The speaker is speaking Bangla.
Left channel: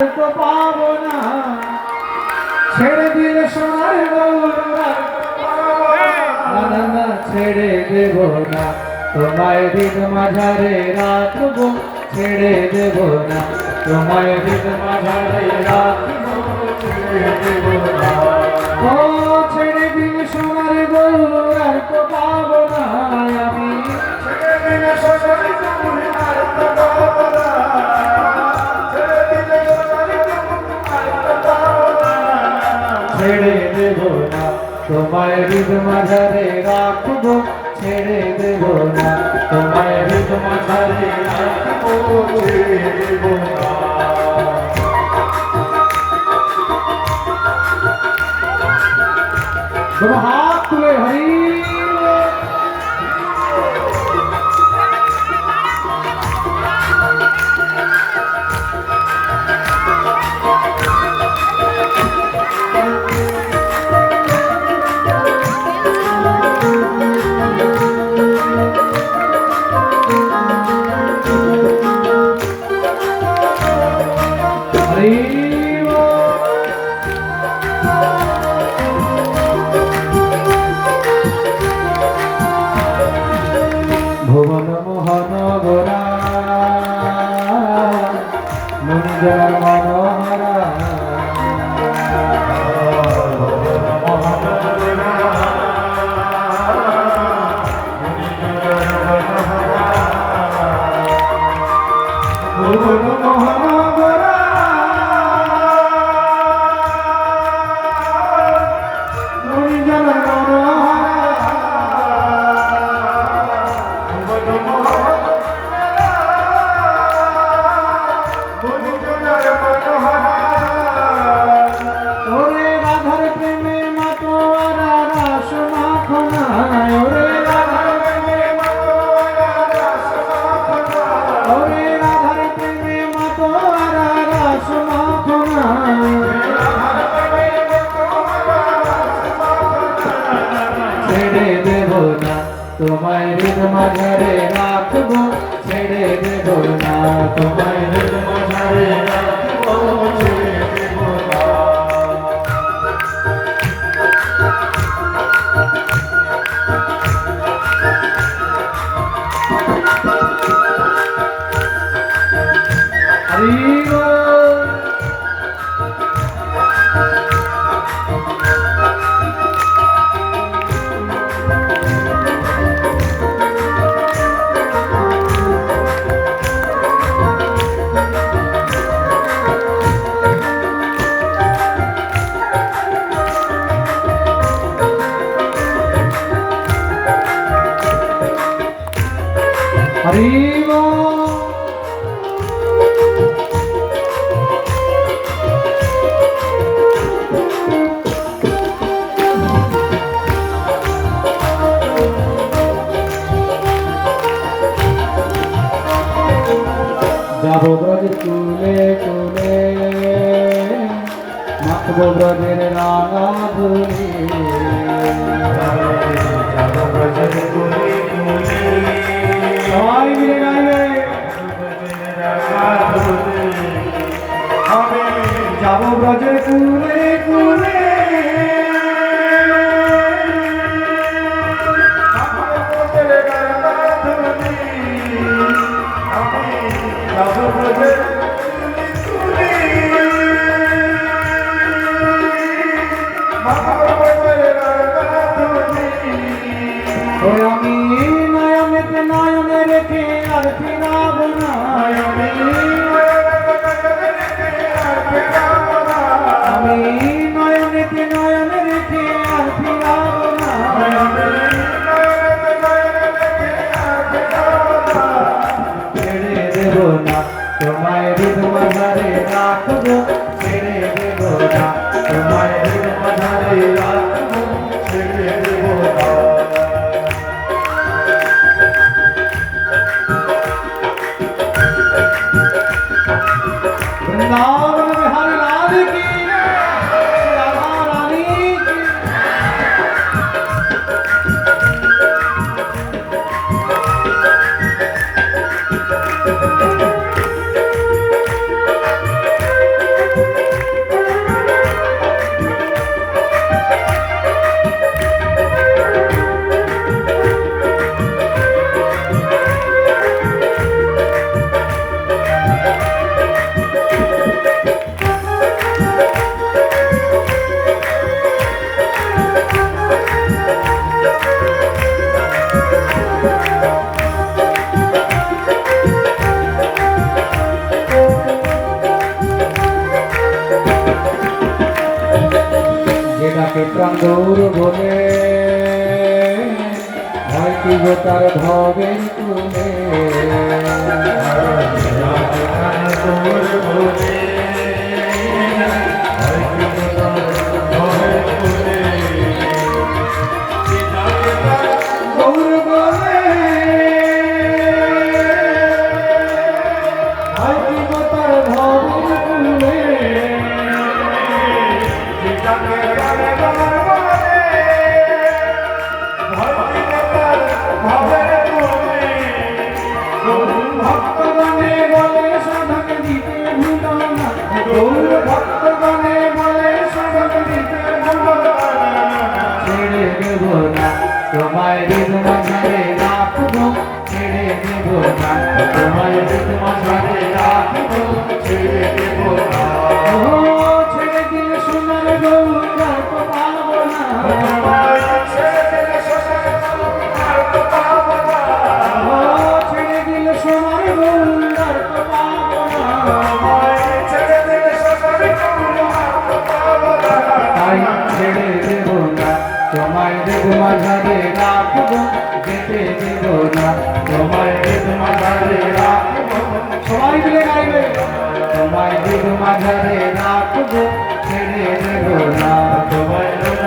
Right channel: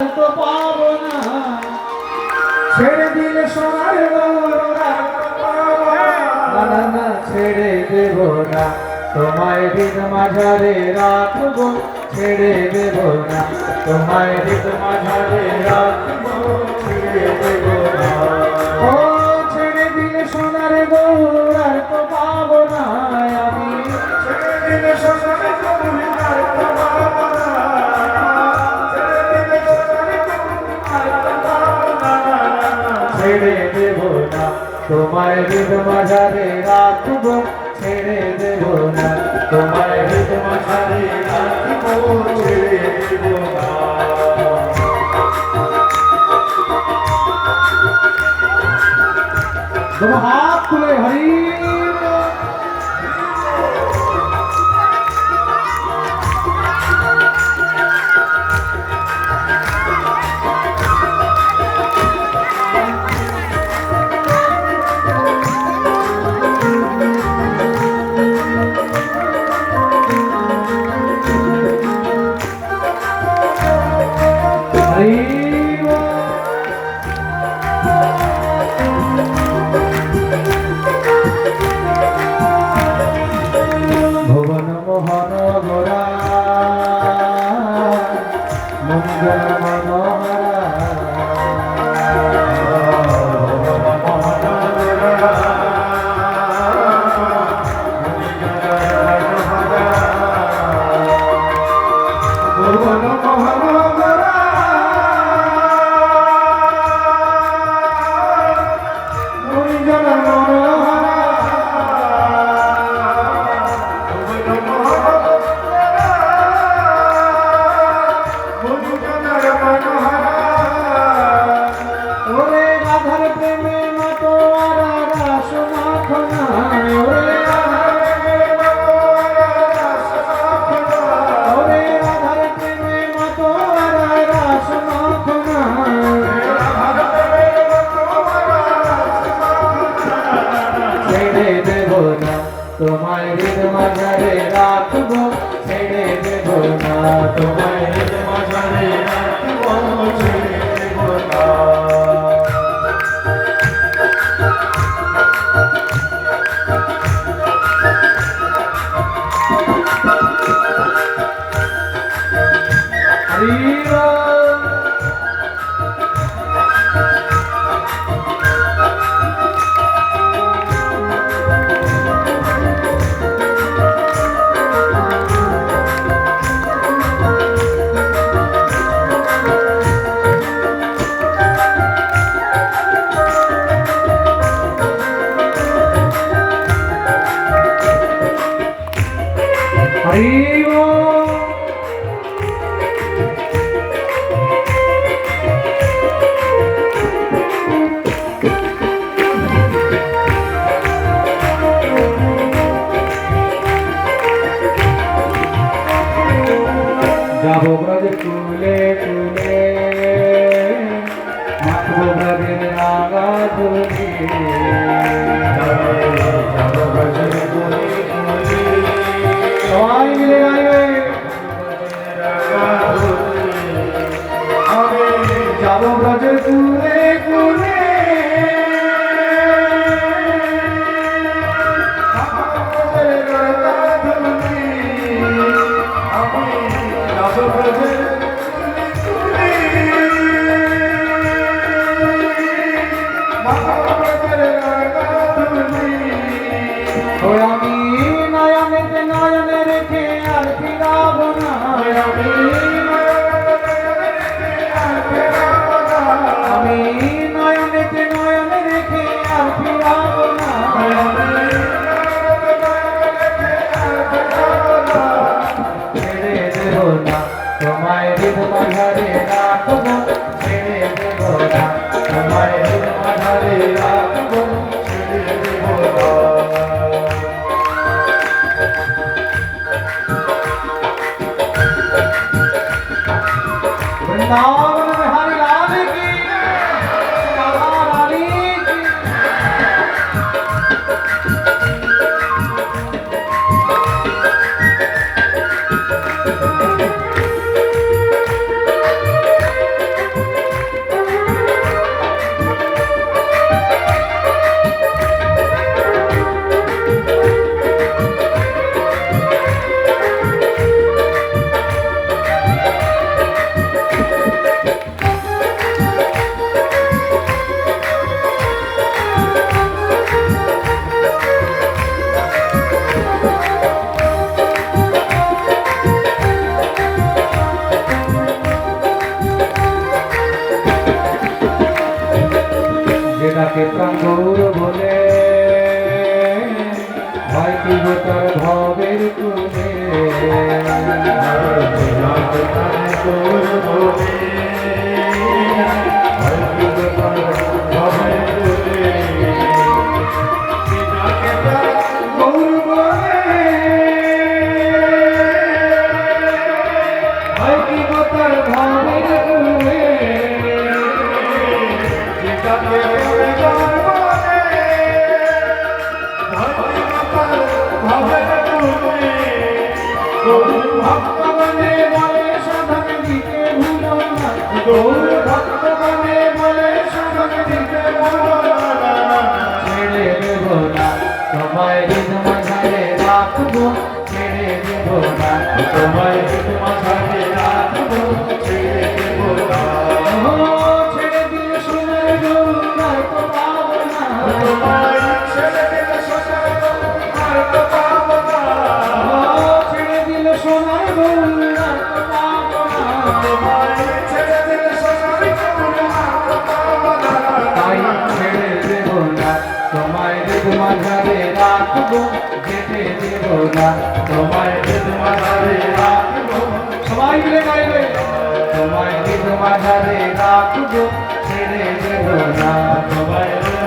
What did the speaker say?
তো পাবো না ছেড়ে দিলে সোনার না না ছেড়ে দেব না তোমায় হৃদ মাঝারে রাখবো ছেড়ে দেব না তোমায় হৃদ মাঝারে রাখবো ছেড়ে দেব না ও ছেড়ে দিলে সোনার গৌর আর তো পাবো না আমি ছেড়ে দিলে সোনার গৌর আর তো পাবো না ছেড়ে দেব না তোমায় হৃদ মাঝারে রাখবো ছেড়ে দেব না তোমায় হৃদ মাঝারে রাখবো ছেড়ে দেব না दोनों हाथ तुले हरी ভুবন মোহন গোরা মুনিজলার মনোহরা ভুবন মোহন গোরা মুনিজলার মনোহরা ওরে রাধার প্রেমে মাতোয়ারা রাস মাখনায় ওরে রাধার প্রেমে মাতোয়ারা রাস মাখনায় ওরে রাধার প্রেমে মাতোয়ারা রাস মাখনায় ছেড়ে দেব না তোমায় হৃদ মাঝারে রাখবো ছেড়ে দেব না তোমায় হৃদ মাঝারে রাখবো ছেড়ে দেব না হরি বল হরি যাবো ব্রজ কুলে কুলে মাখবো ব্রজের রাঙা ধুলি যাবো ব্রজের কুলে কুলে সবাই মিলে গাইবে যাবো ব্রজের কুলে কুলে আমি নয়নেতে নয়নে রেখে আর ফিরাবো না আমি নয়নেতে নয়নে রেখে আর ফিরাবো না ছেড়ে দেব না তোমায় হৃদ মাঝারে রাখবো ছেড়ে দেব না তোমায় হৃদ মাঝারে রাখবো ছেড়ে দেব না वृंदावन बिहारी लाल की राधा रानी की ডাকে তঙ্গৌর বলে হয় কি গো তার ভবের কুলে গৌর বলে হয় কি গো তার ভবের কুলে ভক্তগণে বলে সাধক দিতে ভুলো না গৌর ভক্তগণে বলে সাধক দিতে ভুলো না ছেড়ে দেব না তোমায় হৃদ মাঝারে রাখবো ছেড়ে দেব না তোমায় হৃদ মাঝারে রাখবো ছেড়ে দেব না ও ছেড়ে দিয়ে সোনার গৌর আর তো পাবো না ছেড়ে দিলে সোনার গৌর আর তো পাবো না ও ছেড়ে দিলে সোনার গৌর আর তো পাবো না ছেড়ে দিলে সোনার গৌর আর তো পাবো না তাই ছেড়ে দেব না তোমায় হৃদ মাঝারে রাখবো যেতে দেব না তোমায় হৃদ মাঝারে রাখবো সবাই মিলে গাইবে তোমায় হৃদ মাঝারে রাখবো ছেড়ে দেব না তোমায় হৃদ